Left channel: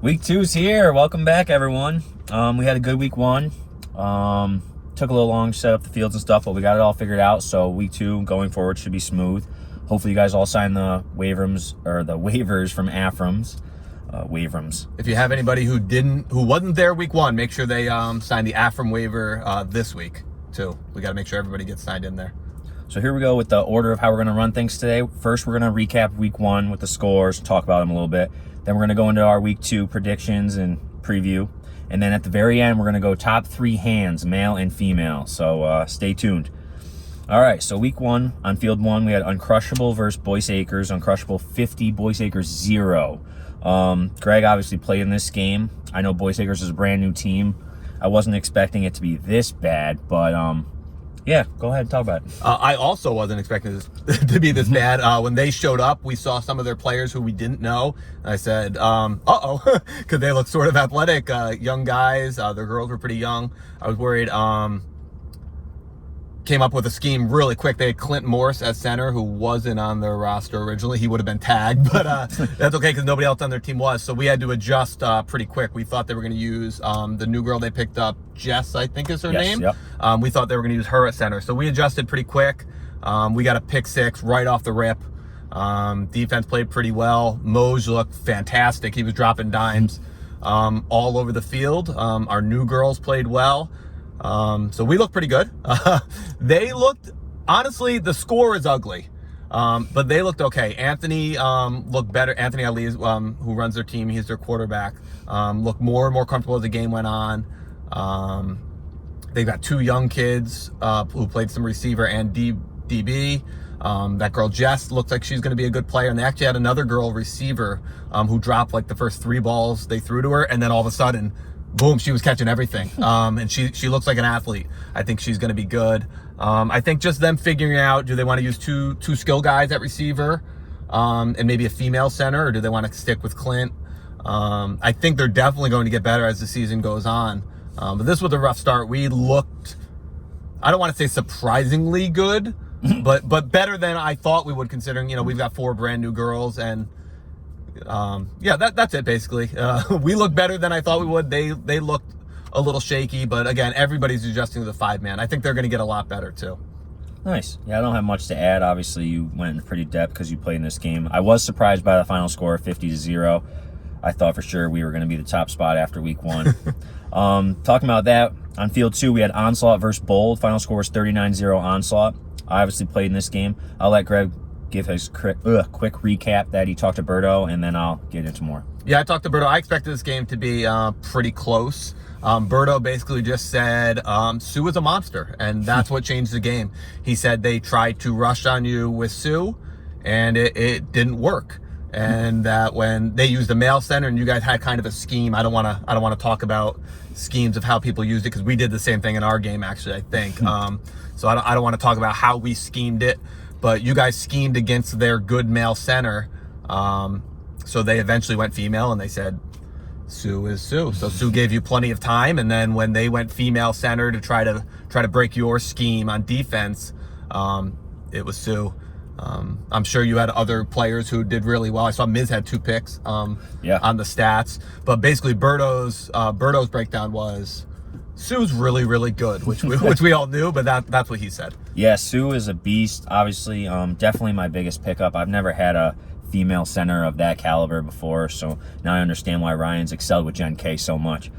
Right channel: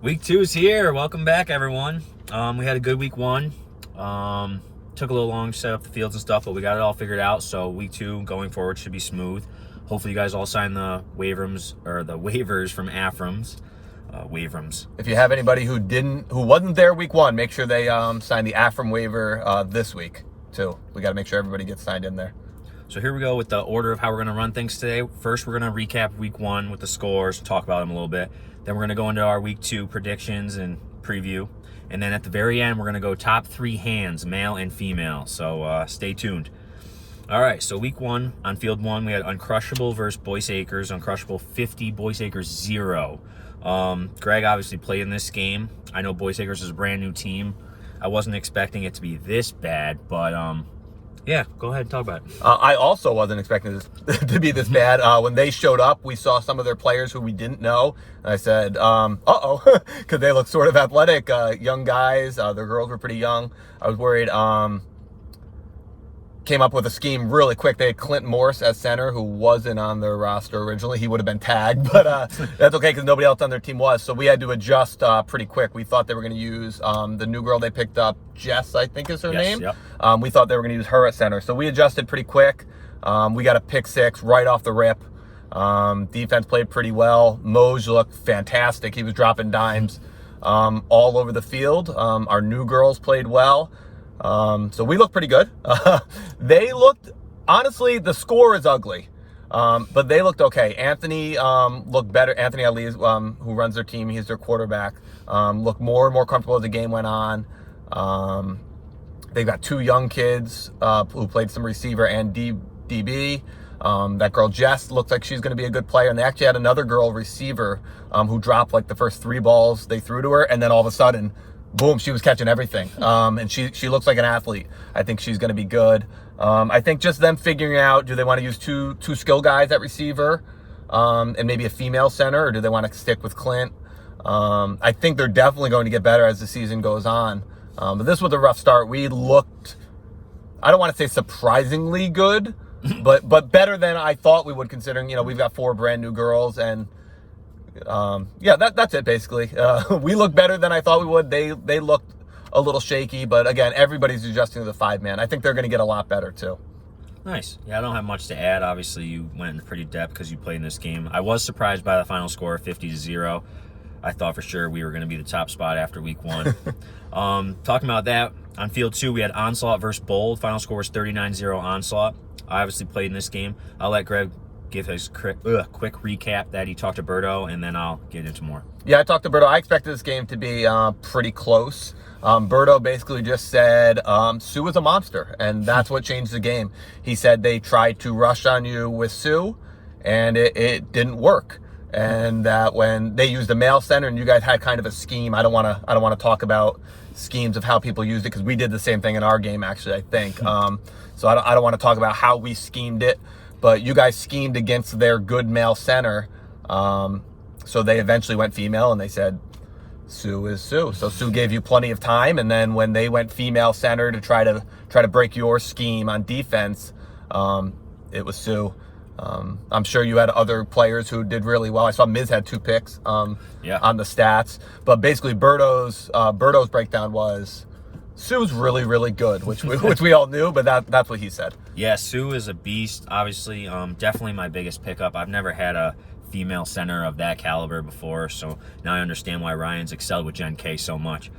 Week 2's here. Welcome back, everyone. We had a good week 1. Took a little long to set up the fields and stuff, but we got it all figured out. So week 2 going forward should be smooth. Hopefully, you guys all signed the waivers from AFRAMs. Wavrams. If you have anybody who wasn't there week 1, make sure they sign the AFRAM waiver this week too. We got to make sure everybody gets signed in there. So here we go with the order of how we're going to run things today. First, we're going to recap week 1 with the scores, talk about them a little bit. Then we're going to go into our week 2 predictions and preview. And then at the very end, we're going to go top 3 hands, male and female. So stay tuned. All right, so week 1, on field 1, we had Uncrushable versus Boyce Acres. Uncrushable 50, Boyce Acres 0. Greg obviously played in this game. I know Boyce Acres is a brand new team. I wasn't expecting it to be this bad, but yeah, go ahead and talk about it. I also wasn't expecting this to be this bad. When they showed up, we saw some of their players who we didn't know. I said, uh-oh, because they look sort of athletic, young guys. Their girls were pretty young. I was worried. Came up with a scheme really quick. They had Clint Morse at center, who wasn't on their roster originally. He would have been tagged, but that's okay because nobody else on their team was. So we had to adjust pretty quick. We thought they were going to use the new girl they picked up, Jess, I think is her name. Yep. We thought they were going to use her at center. So we adjusted pretty quick. We got a pick 6 right off the rip. Defense played pretty well. Moj looked fantastic. He was dropping dimes all over the field. Our new girls played well. So we look pretty good. They looked, honestly, the score is ugly. But they looked okay. Anthony looked better. Anthony Ali, who runs their team, he's their quarterback, looked more and more comfortable as the game went on. They've got 2 young kids who played some receiver and DB. That girl Jess looks like she's going to be a good player. And they actually had another girl receiver who dropped like the first 3 balls they threw to her, and then all of a sudden, boom, she was catching everything. And she looks like an athlete. I think she's going to be good. I think just them figuring out, do they want to use two skill guys at receiver and maybe a female center, or do they want to stick with Clint? I think they're definitely going to get better as the season goes on. But this was a rough start. We looked, I don't want to say surprisingly good, but better than I thought we would, considering, we've got 4 brand new girls. And yeah, that's it basically. We look better than I thought we would. They looked a little shaky, but again, everybody's adjusting to the 5-man. I think they're going to get a lot better too. Nice. Yeah, I don't have much to add. Obviously, you went into pretty depth because you played in this game. I was surprised by the final score of 50-0. I thought for sure we were going to be the top spot after week 1. Talking about that, on field 2, we had Onslaught versus Bold. Final score was 39-0 Onslaught. I obviously played in this game. I'll let Greg give his quick recap that he talked to Berto, and then I'll get into more. Yeah, I talked to Berto. I expected this game to be pretty close. Berto basically just said Sue is a monster, and that's what changed the game. He said they tried to rush on you with Sue, and it didn't work. And that when they used a male center, and you guys had kind of a scheme. I don't want to talk about schemes of how people used it, because we did the same thing in our game, actually, I think. So I don't want to talk about how we schemed it, but you guys schemed against their good male center. So they eventually went female, and they said, Sue is Sue. So Sue gave you plenty of time, and then when they went female center to try to break your scheme on defense, it was Sue. I'm sure you had other players who did really well. I saw Miz had 2 picks on the stats, but basically Berto's breakdown was Sue's really, really good, which we all knew, but that's what he said. Yeah, Sue is a beast. Obviously, definitely my biggest pickup. I've never had a female center of that caliber before, so now I understand why Ryan's excelled with Gen K so much.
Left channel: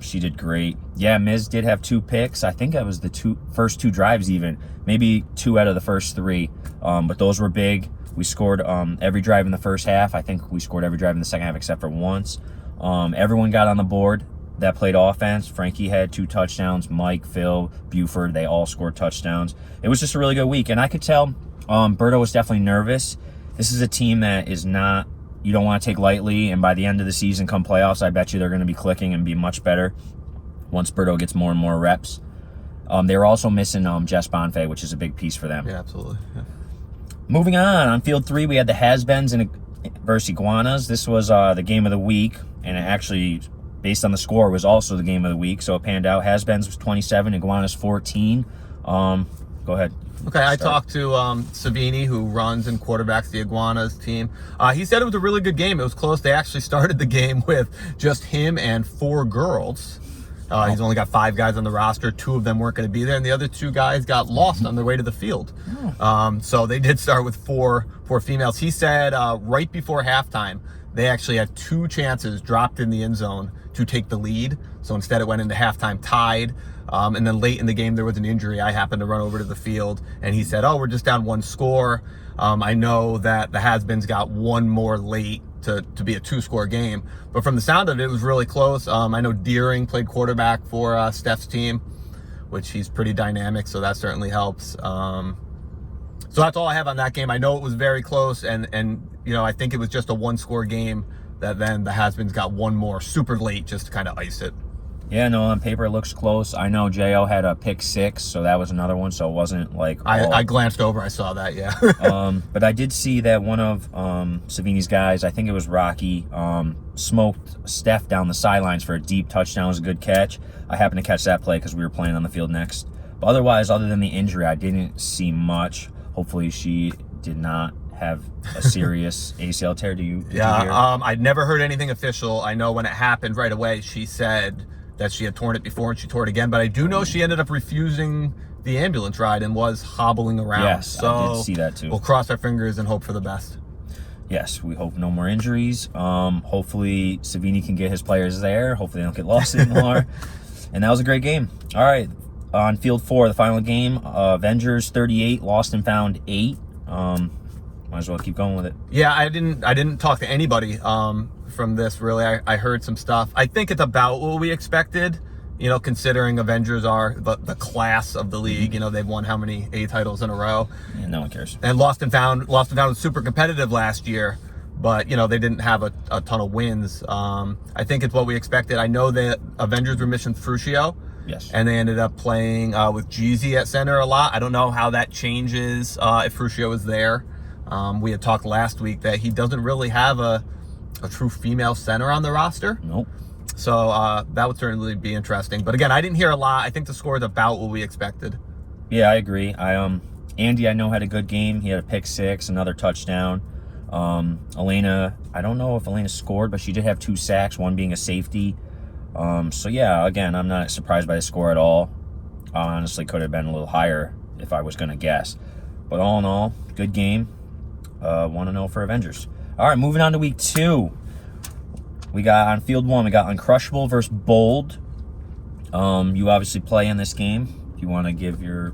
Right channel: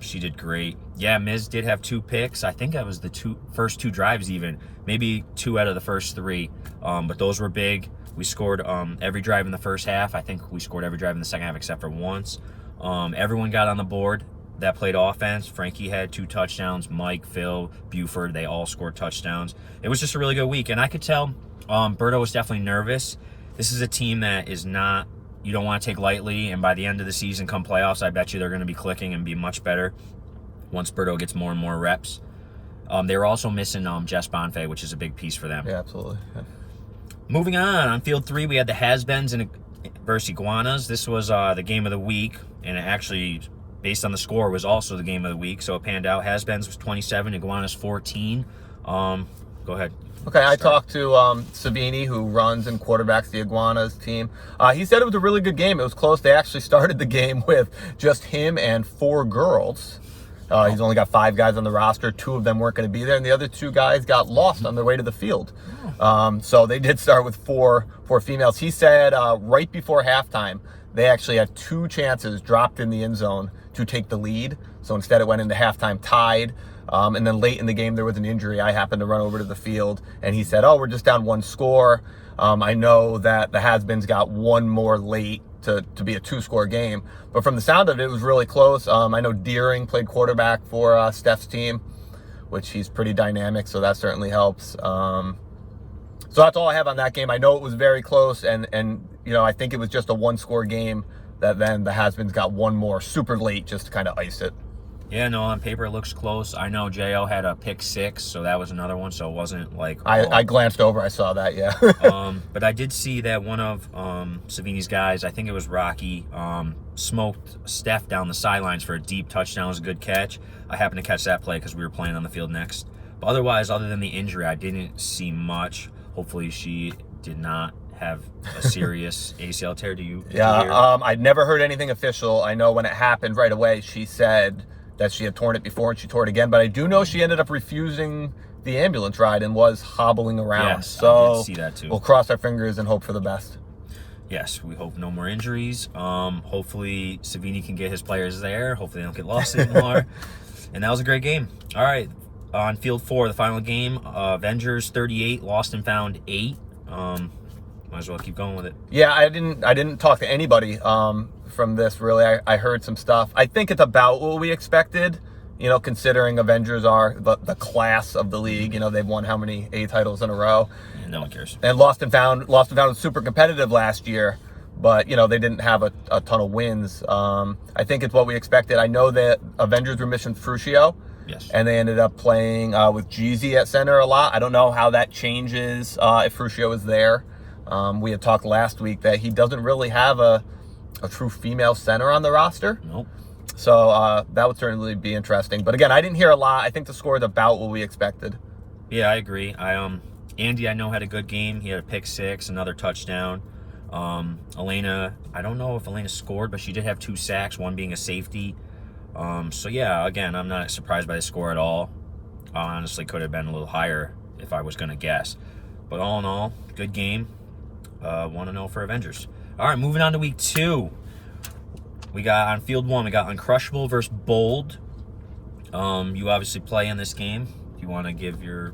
She did great. Yeah, Miz did have 2 picks. I think that was the first 2 drives even. Maybe 2 out of the first 3. But those were big. We scored every drive in the first half. I think we scored every drive in the second half except for once. Everyone got on the board that played offense. Frankie had 2 touchdowns. Mike, Phil, Buford, they all scored touchdowns. It was just a really good week. And I could tell Berto was definitely nervous. This is a team that is not, you don't want to take lightly, and by the end of the season, come playoffs, I bet you they're going to be clicking and be much better once Berto gets more and more reps. They were also missing Jess Bonfay, which is a big piece for them. Yeah, absolutely. Yeah. Moving on field 3, we had the Has-Beens versus Iguanas. This was the game of the week, and it actually, based on the score, was also the game of the week, so it panned out. Has-Beens was 27, Iguanas 14. Go ahead. Okay, I talked to Savini, who runs and quarterbacks the Iguanas team. He said it was a really good game. It was close. They actually started the game with just him and 4 girls. He's only got 5 guys on the roster. 2 of them weren't going to be there, and the other 2 guys got lost on their way to the field. So they did start with four females. He said right before halftime, they actually had 2 chances dropped in the end zone to take the lead. So instead it went into halftime tied. And then late in the game, there was an injury. I happened to run over to the field, and he said, "Oh, we're just down 1 score. I know that the Has-Beens got 1 more late to be a 2-score game." But from the sound of it, it was really close. I know Deering played quarterback for Steph's team, which he's pretty dynamic, so that certainly helps. So that's all I have on that game. I know it was very close, and I think it was just a 1-score game that then the Has-Beens got 1 more super late just to kind of ice it. Yeah, no, on paper it looks close. I know J.O. had a pick 6, so that was another one, so it wasn't like... I glanced over, I saw that, yeah. But I did see that one of Savini's guys, I think it was Rocky, smoked Steph down the sidelines for a deep touchdown. It was a good catch. I happened to catch that play because we were playing on the field next. But otherwise, other than the injury, I didn't see much. Hopefully she did not have a serious ACL tear. Did you hear? I'd never heard anything official. I know when it happened right away, she said that she had torn it before and she tore it again, but I do know she ended up refusing the ambulance ride and was hobbling around. Yes, so I did see that too. We'll cross our fingers and hope for the best. Yes, we hope no more injuries. Hopefully Savini can get his players there. Hopefully they don't get lost anymore. And that was a great game. All right, on field 4, the final game, Avengers 38, Lost and Found 8. Might as well keep going with it. Yeah, I didn't talk to anybody from this, really. I heard some stuff. I think it's about what we expected, considering Avengers are the class of the league. They've won how many A titles in a row? Yeah, no one cares. And Lost and Found was super competitive last year, but they didn't have a ton of wins. I think it's what we expected. I know that Avengers were missing Fruscio. Yes. And they ended up playing with Jeezy at center a lot. I don't know how that changes if Fruscio is there. We had talked last week that he doesn't really have a true female center on the roster. Nope. So that would certainly be interesting. But again, I didn't hear a lot. I think the score is about what we expected. Yeah, I agree. Andy, I know, had a good game. He had a pick 6, another touchdown. Elena, I don't know if Elena scored, but she did have 2 sacks, one being a safety. So yeah, again, I'm not surprised by the score at all. Honestly, could have been a little higher if I was going to guess. But all in all, good game. 1-0 for Avengers. All right, moving on to week 2. We got on field 1, we got Uncrushable versus Bold. You obviously play in this game. Do you want to give your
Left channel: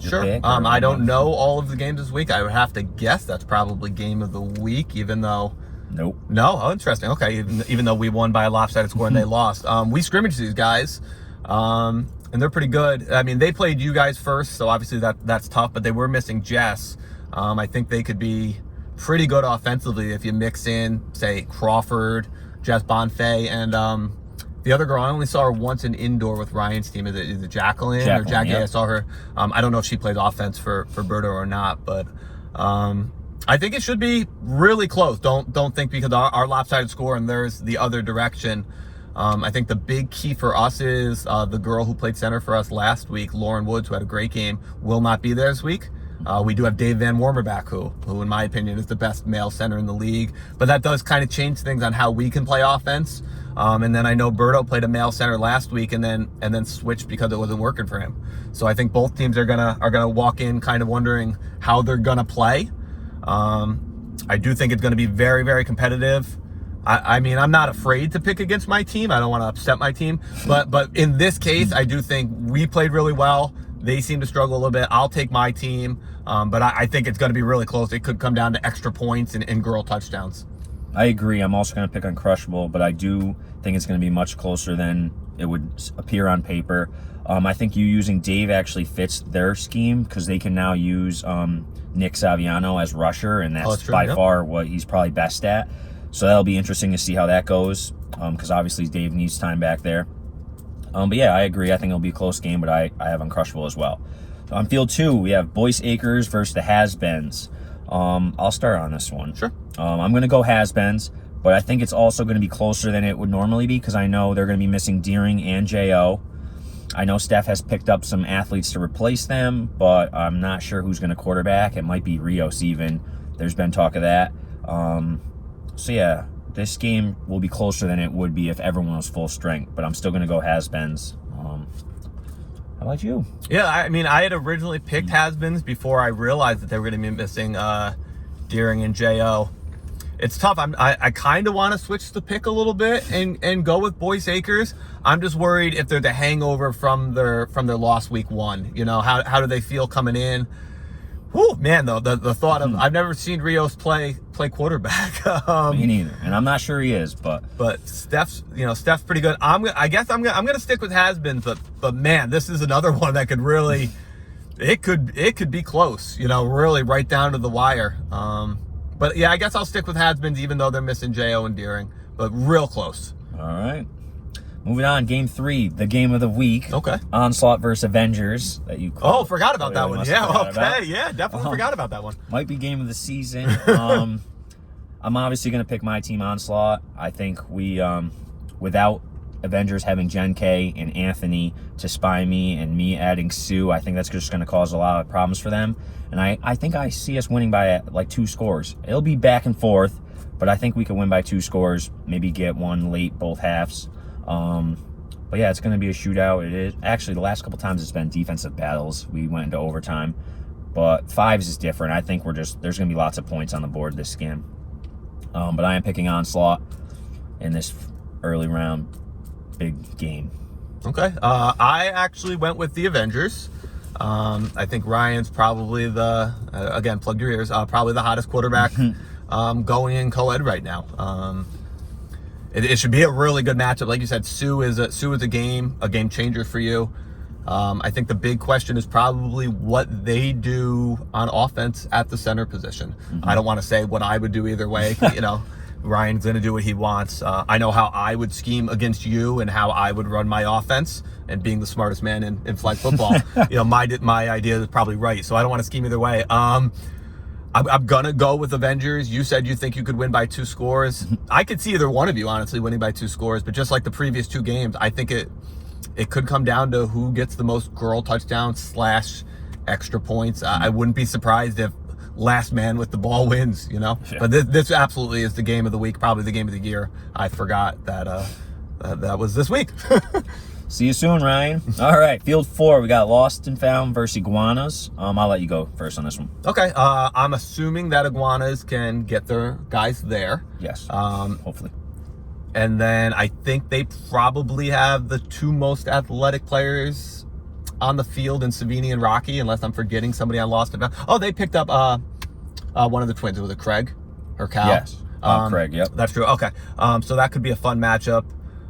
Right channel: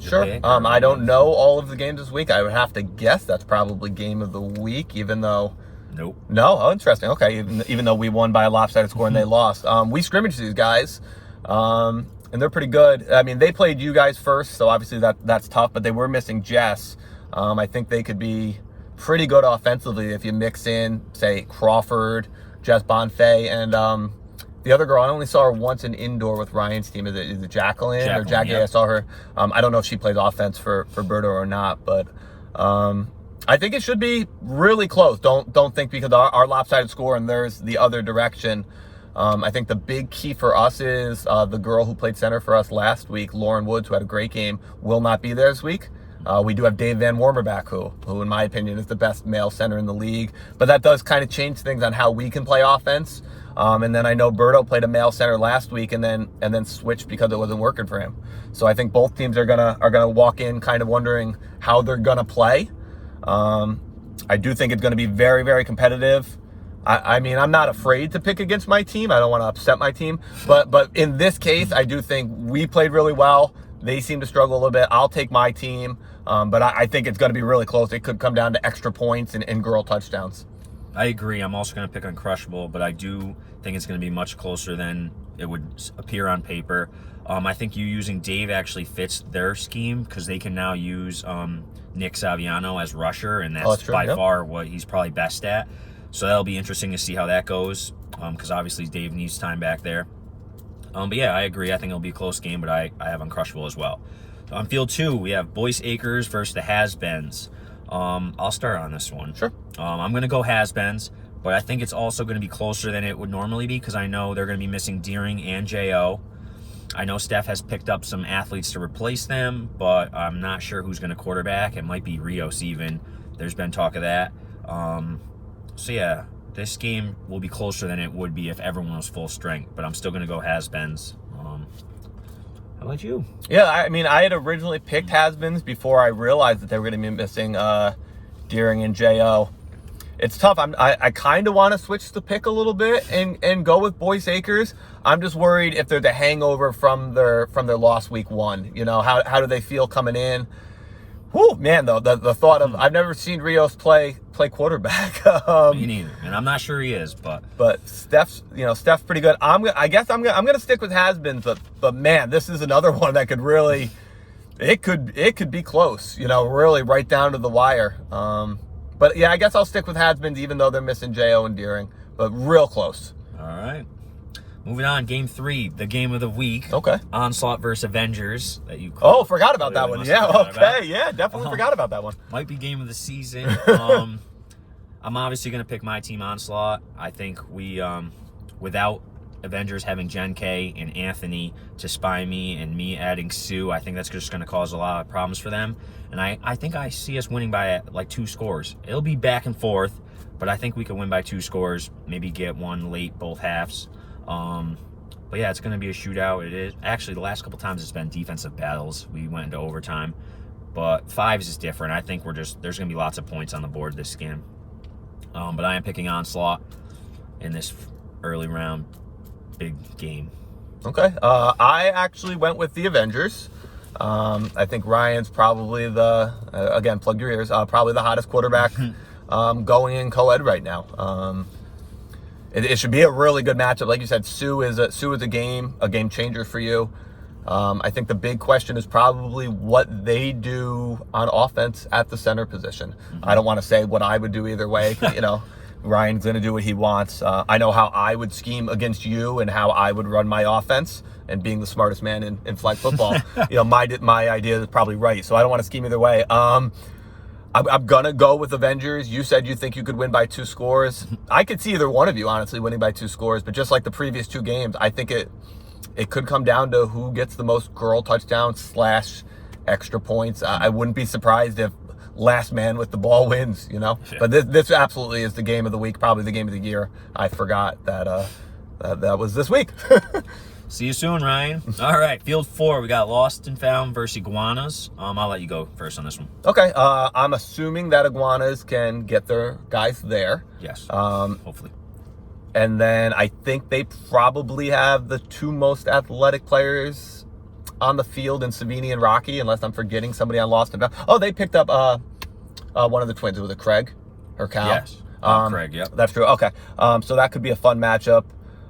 Sure. pick? I don't know all of the games this week. I would have to guess that's probably game of the week, even though... Nope. No? Oh, interesting. Okay, even though we won by a lopsided score and they lost. We scrimmaged these guys, and they're pretty good. I mean, they played you guys first, so obviously that's tough, but they were missing Jess. I think they could be pretty good offensively if you mix in, say, Crawford, Jess Bonfay, and the other girl. I only saw her once in indoor with Ryan's team. Is it Jacqueline or Jackie? Yep. I saw her. I don't know if she plays offense for Berto or not, but I think it should be really close. Don't think because our lopsided score and theirs the other direction. I think the big key for us is the girl who played center for us last week, Lauren Woods, who had a great game, will not be there this week. We do have Dave Van Wormer back, who in my opinion is the best male center in the league. But that does kind of change things on how we can play offense. And then I know Berto played a male center last week and then switched because it wasn't working for him. So I think both teams are gonna walk in kind of wondering how they're gonna play. I do think it's gonna be very, very competitive. I mean, I'm not afraid to pick against my team. I don't want to upset my team, but in this case, I do think we played really well. They seem to struggle a little bit. I'll take my team. But I think it's going to be really close. It could come down to extra points and girl touchdowns. I agree. I'm also going to pick Uncrushable, but I do think it's going to be much closer than it would appear on paper. I think you using Dave actually fits their scheme because they can now use Nick Saviano as rusher, and that's by far what he's probably best at. So that'll be interesting to see how that goes because obviously Dave needs time back there. But yeah, I agree. I think it'll be a close game, but I have Uncrushable as well. On field 2, we have Boyce Acres versus the Has-Beens. I'll start on this one. Sure. I'm going to go Has-Beens, but I think it's also going to be closer than it would normally be because I know they're going to be missing Deering and J.O. I know Steph has picked up some athletes to replace them, but I'm not sure who's going to quarterback. It might be Rios even. There's been talk of that. So yeah, this game will be closer than it would be if everyone was full strength, but I'm still going to go has-beens. How about you? Yeah, I mean, I had originally picked has-beens before I realized that they were going to be missing Deering and J.O. It's tough. I kind of want to switch the pick a little bit and go with Boyce Akers. I'm just worried if they're the hangover from their loss week 1. You know, how do they feel coming in? Whew, man, though, the thought of I've never seen Rios play quarterback. Me neither, and I'm not sure he is, but Steph's pretty good. I guess I'm gonna stick with has-beens, but man, this is another one that could really, it could be close. You know, really right down to the wire. But yeah, I guess I'll stick with has-beens even though they're missing J.O. and Deering, but real close. All right. Moving on, game 3, the game of the week. Okay. Onslaught versus Avengers. That you forgot about that one. Yeah, okay. Yeah, definitely forgot about that one. Might be game of the season. I'm obviously going to pick my team, Onslaught. I think we, without Avengers having Jen K and Anthony to spy me and me adding Sue, I think that's just going to cause a lot of problems for them. And I think I see us winning by like 2 scores. It'll be back and forth, but I think we could win by 2 scores, maybe get one late both halves. But yeah, it's going to be a shootout. It is actually the last couple times it's been defensive battles. We went into overtime, but 5s is different. I think there's going to be lots of points on the board this game. But I am picking Onslaught in this early round big game. Okay. I actually went with the Avengers. I think Ryan's probably again, plug your ears, probably the hottest quarterback going in co-ed right now. It should be a really good matchup. Like you said, Sue is a game changer for you. I think the big question is probably what they do on offense at the center position. I don't want to say what I would do either way. You know, Ryan's going to do what he wants. I know how I would scheme against you and how I would run my offense. And being the smartest man in flag football, you know, my idea is probably right. So I don't want to scheme either way. I'm gonna go with Avengers. You said you think you could win by 2 scores. I could see either one of you honestly winning by 2 scores. But just like the previous 2 games, I think it could come down to who gets the most girl touchdowns / extra points. I wouldn't be surprised if last man with the ball wins, you know. Yeah. But this absolutely is the game of the week, probably the game of the year. I forgot that that was this week. See you soon, Ryan. All right, field 4, we got Lost and Found versus Iguanas. I'll let you go first on this one. Okay, I'm assuming that Iguanas can get their guys there. Yes, hopefully. And then I think they probably have the 2 most athletic players on the field in Savini and Rocky, unless I'm forgetting somebody on Lost and Found. Oh, they picked up one of the twins. Was it Craig or Cal? Yes, Craig. Yep, that's true. Okay, so that could be a fun matchup.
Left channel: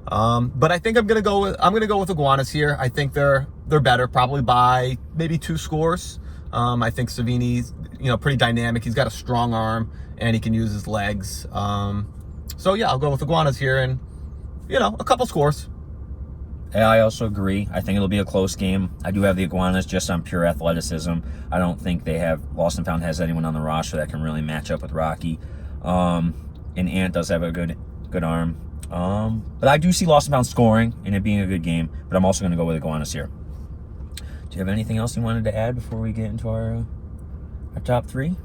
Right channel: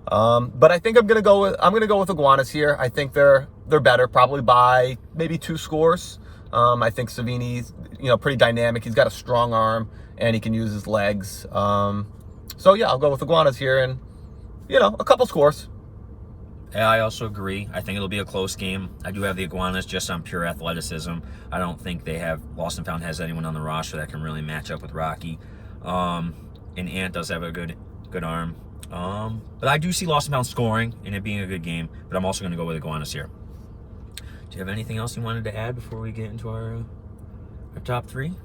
But I think I'm gonna go with Iguanas here. I think they're better, probably by maybe 2 scores. I think Savini's pretty dynamic. He's got a strong arm and he can use his legs. So yeah, I'll go with Iguanas here and a couple scores. Yeah, I also agree. I think it'll be a close game. I do have the Iguanas just on pure athleticism. I don't think Lost and Found has anyone on the roster that can really match up with Rocky. And Ant does have a good arm. But I do see Lost and Found scoring and it being a good game, but I'm also going to go with Iguanas here. Do you have anything else you wanted to add before we get into our top 3?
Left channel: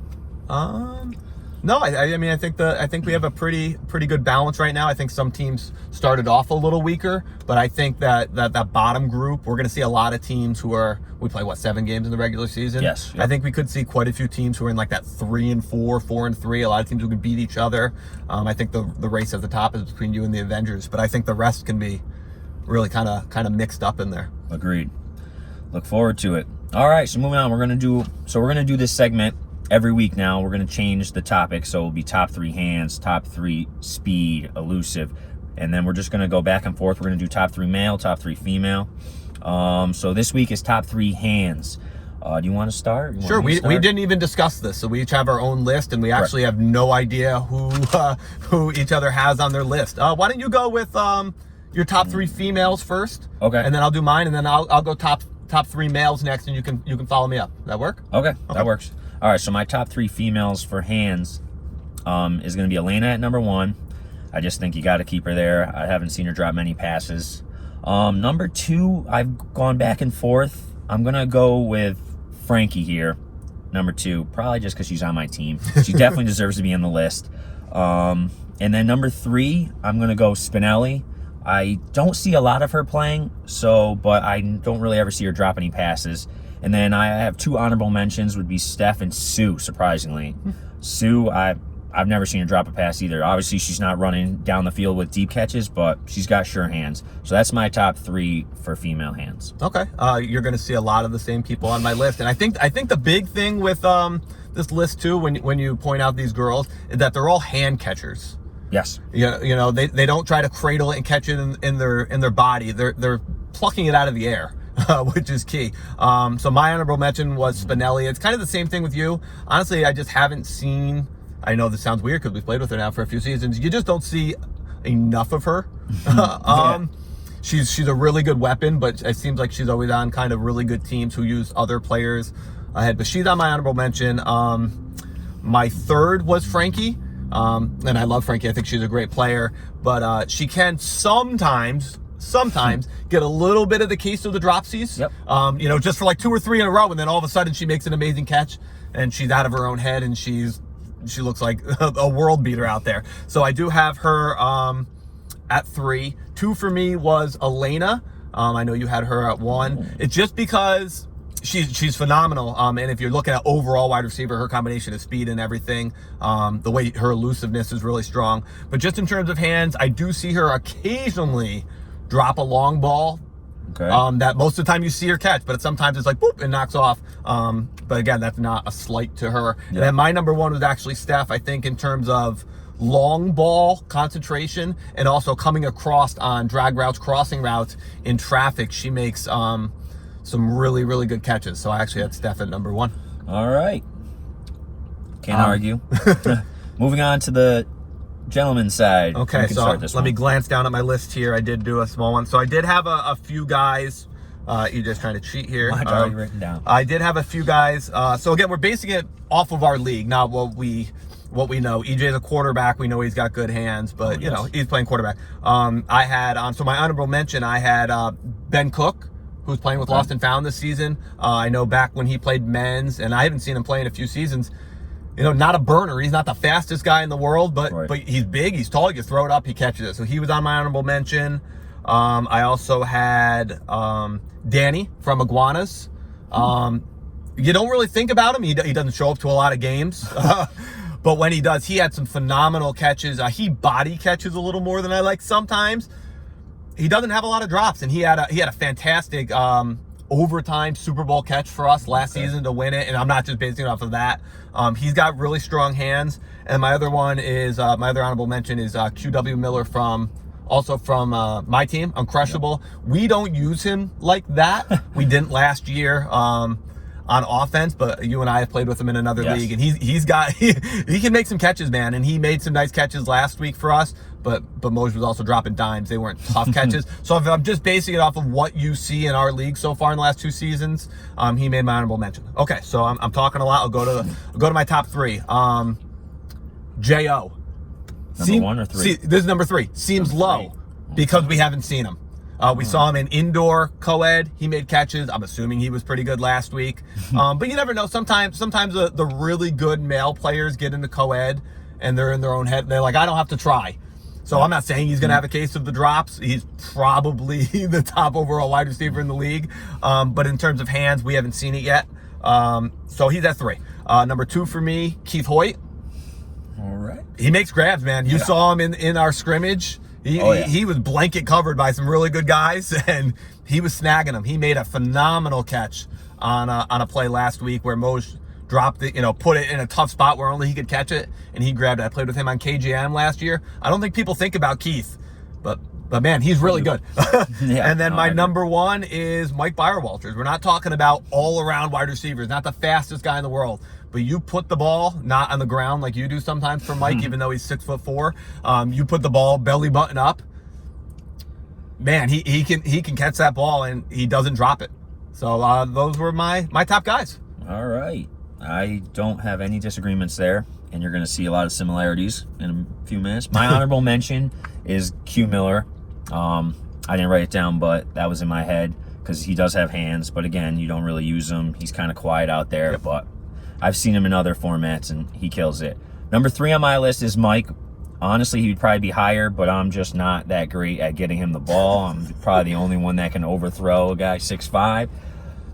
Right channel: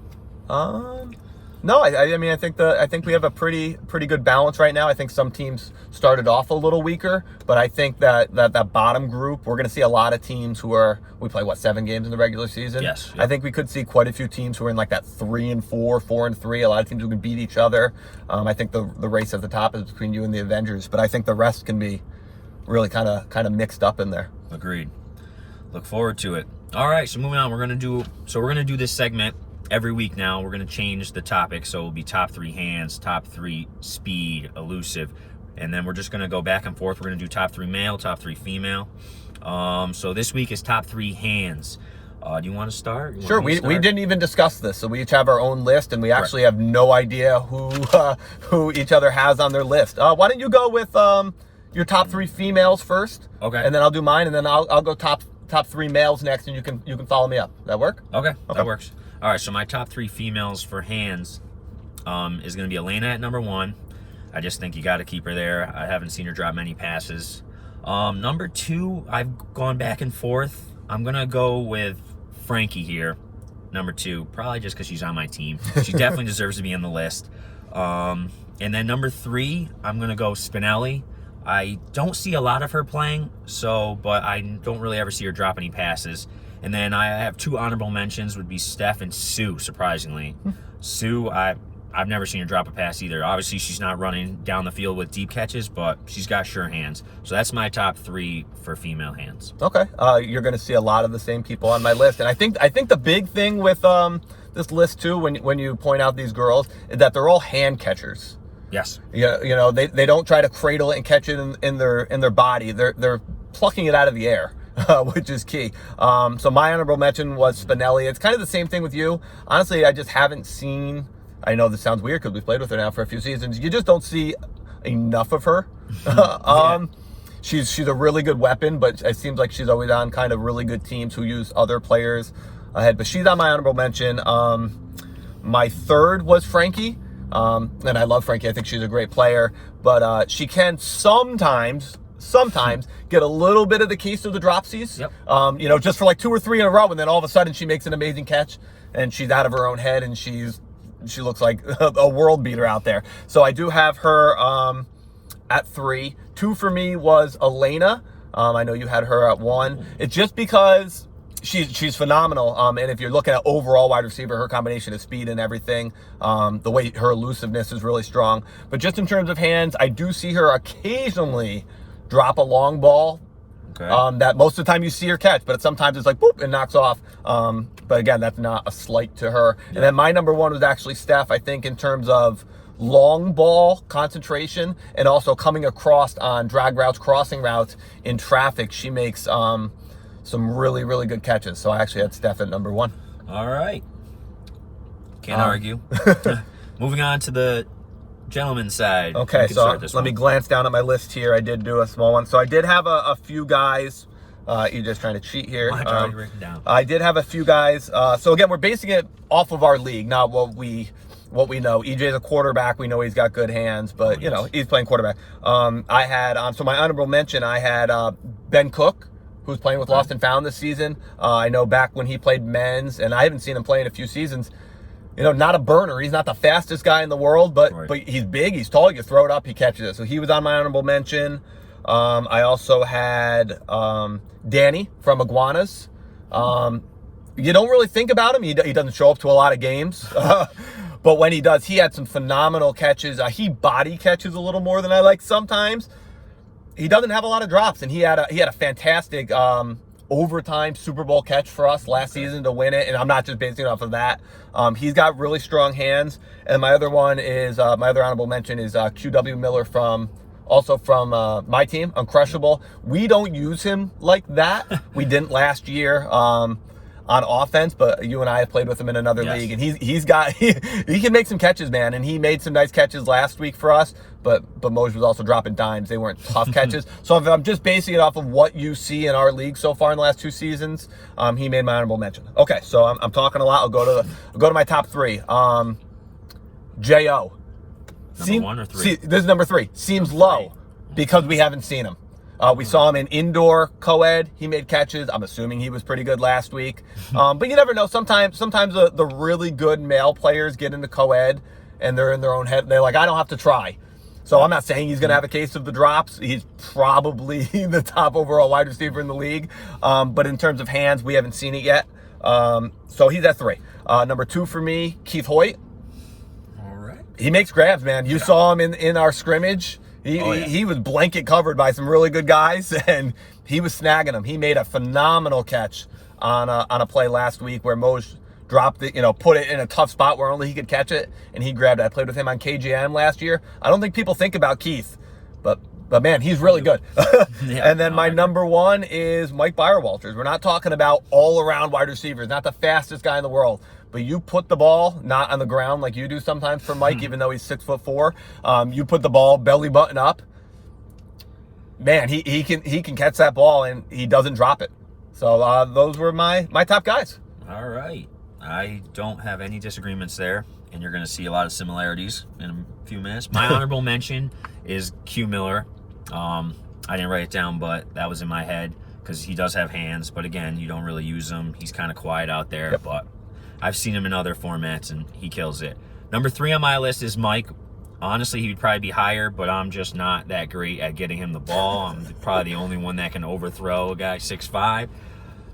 No, I mean, I think we have a pretty good balance right now. I think some teams started off a little weaker, but I think that bottom group, we're going to see a lot of teams we play 7 games in the regular season. Yes. Yeah. I think we could see quite a few teams who are in like that 3-4, 4-3. A lot of teams who can beat each other. I think the race at the top is between you and the Avengers, but I think the rest can be really kind of mixed up in there. Agreed. Look forward to it. All right, so moving on, we're going to do this segment every week now. We're going to change the topic, so it'll be top 3 hands, top 3 speed, elusive, and then we're just going to go back and forth. We're going to do top 3 male, top 3 female. So this week is top 3 hands. Do you want to start? Sure. We didn't even discuss this, so we each have our own list, and we actually have no idea who each other has on their list. Why don't you go with your top 3 females first? Okay. And then I'll do mine, and then I'll go top 3 males next, and you can follow me up. That work? Okay. That works. All right, so my top 3 females for hands is going to be Elena at number 1. I just think you got to keep her there. I haven't seen her drop many passes. Number 2, I've gone back and forth. I'm going to go with Frankie here. Number 2, probably just because she's on my team. She definitely deserves to be on the list. And then number 3, I'm going to go Spinelli. I don't see a lot of her playing, but I don't really ever see her drop any passes. And then I have 2 honorable mentions would be Steph and Sue, surprisingly. Sue, I've never seen her drop a pass either. Obviously, she's not running down the field with deep catches, but she's got sure hands. So that's my top 3 for female hands. Okay, you're going to see a lot of the same people on my list, and I think the big thing with this list too, when you point out these girls, is that they're all hand catchers. Yes. You know, they don't try to cradle it and catch it in their body. They're plucking it out of the air. Which is key. So my honorable mention was Spinelli. It's kind of the same thing with you. Honestly, I just haven't seen. I know this sounds weird because we've played with her now for a few seasons. You just don't see enough of her. She's a really good weapon, but it seems like she's always on kind of really good teams who use other players ahead. But she's on my honorable mention. My 3rd was Frankie, and I love Frankie. I think she's a great player, but she can sometimes get a little bit of the case of the dropsies. Yep. You know, just for like 2 or 3 in a row, and then all of a sudden she makes an amazing catch, and she's out of her own head, and she looks like a world beater out there. So I do have her at 3. 2 for me was Elena. I know you had her at 1. It's just because she's phenomenal. And if you're looking at overall wide receiver, her combination of speed and everything, the way her elusiveness is really strong. But just in terms of hands, I do see her occasionally drop a long ball. Okay. That most of the time you see her catch, but sometimes it's like boop and knocks off. But again, that's not a slight to her. Yeah. And then my number 1 was actually Steph. I think in terms of long ball concentration and also coming across on drag routes, crossing routes in traffic, she makes some really, really good catches. So I actually had Steph at number 1. All right. Can't argue. Moving on to the gentleman's side. Okay, so let me glance down at my list here. I did do a small one. So I did have a few guys. You're just trying to cheat here. Mine's already written down. I did have a few guys. So again, we're basing it off of our league, not what we know. EJ's a quarterback. We know he's got good hands, but you know, he's playing quarterback. I had so my honorable mention, I had Ben Cook, who's playing with Lost and Found this season. I know back when he played men's, and I haven't seen him play in a few seasons. You know, not a burner. He's not the fastest guy in the world, but he's big, he's tall, you throw it up, he catches it. So he was on my honorable mention. I also had Danny from Iguanas. You don't really think about him. He doesn't show up to a lot of games. But when he does, he had some phenomenal catches. He body catches a little more than I like sometimes. He doesn't have a lot of drops, and he had a fantastic overtime Super Bowl catch for us last season to win it, and I'm not just basing it off of that. He's got really strong hands. And my other one is my other honorable mention is QW Miller from my team, Uncrushable. We don't use him like that. We didn't last year on offense, but you and I have played with him in another league, and he can make some catches, man. And he made some nice catches last week for us. But Moj was also dropping dimes. They weren't tough catches. So if I'm just basing it off of what you see in our league so far in the last 2 seasons, he made my honorable mention. Okay, so I'm talking a lot. I'll go to my top 3. J.O. Number 1 or 3? This is number 3. Seems low because we haven't seen him. We saw him in indoor co-ed. He made catches. I'm assuming he was pretty good last week. But you never know. Sometimes the really good male players get into co-ed and they're in their own head. They're like, I don't have to try. So I'm not saying he's going to have a case of the drops. He's probably the top overall wide receiver in the league. But in terms of hands, we haven't seen it yet. So he's at 3. Number 2 for me, Keith Hoyt. All right. He makes grabs, man. You saw him in our scrimmage. He was blanket covered by some really good guys, and he was snagging them. He made a phenomenal catch on a play last week where Moj dropped it, put it in a tough spot where only he could catch it, and he grabbed it. I played with him on KGM last year. I don't think people think about Keith, but man, he's really good. And then my number 1 is Mike Byrewalters. We're not talking about all-around wide receivers, not the fastest guy in the world, but you put the ball not on the ground like you do sometimes for Mike, even though he's 6'4". You put the ball belly button up. Man, he can catch that ball, and he doesn't drop it. So those were my top guys. All right. I don't have any disagreements there, and you're going to see a lot of similarities in a few minutes. My honorable mention is Q Miller. I didn't write it down, but that was in my head because he does have hands. But again, you don't really use him. He's kind of quiet out there, Yep. but I've seen him in other formats, and he kills it. Number 3 on my list is Mike. Honestly, he would probably be higher, but I'm just not that great at getting him the ball. I'm probably the only one that can overthrow a guy 6'5",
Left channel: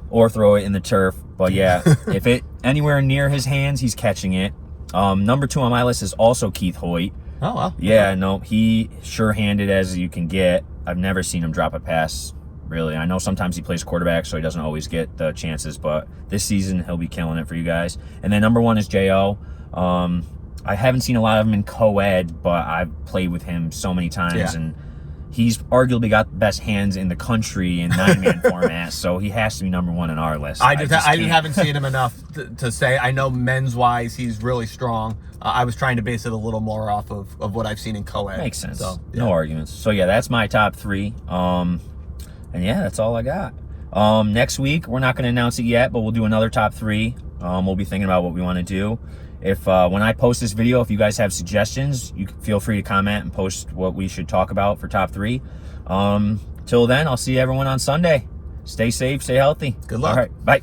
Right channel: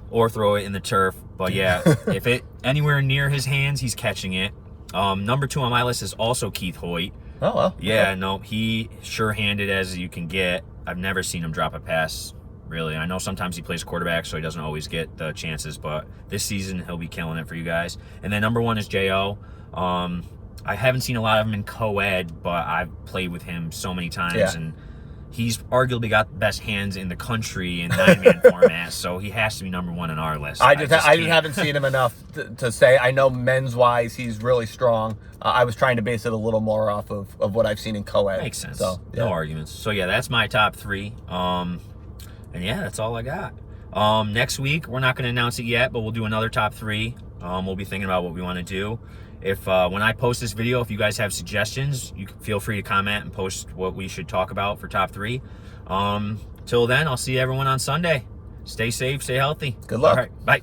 or throw it in the turf. But yeah, if it anywhere near his hands, he's catching it. Number 2 on my list is also Keith Hoyt. Oh, well. Yeah, no, he sure-handed as you can get. I've never seen him drop a pass, really. I know sometimes he plays quarterback, so he doesn't always get the chances, but this season he'll be killing it for you guys. And then number 1 is J.O. I haven't seen a lot of him in co-ed, but I've played with him so many times, Yeah. and he's arguably got the best hands in the country in 9-man format, so he has to be number 1 on our list. I just can't. haven't seen him enough to say. I know men's wise he's really strong. I was trying to base it a little more off of what I've seen in co-ed. Makes sense. So, No arguments. So yeah, that's my top 3. And yeah, that's all I got. Next week we're not going to announce it yet, but we'll do another top 3. We'll be thinking about what we want to do. If when I post this video, if you guys have suggestions, you can feel free to comment and post what we should talk about for top 3. Till then, I'll see everyone on Sunday. Stay safe, stay healthy. Good luck. All right, bye.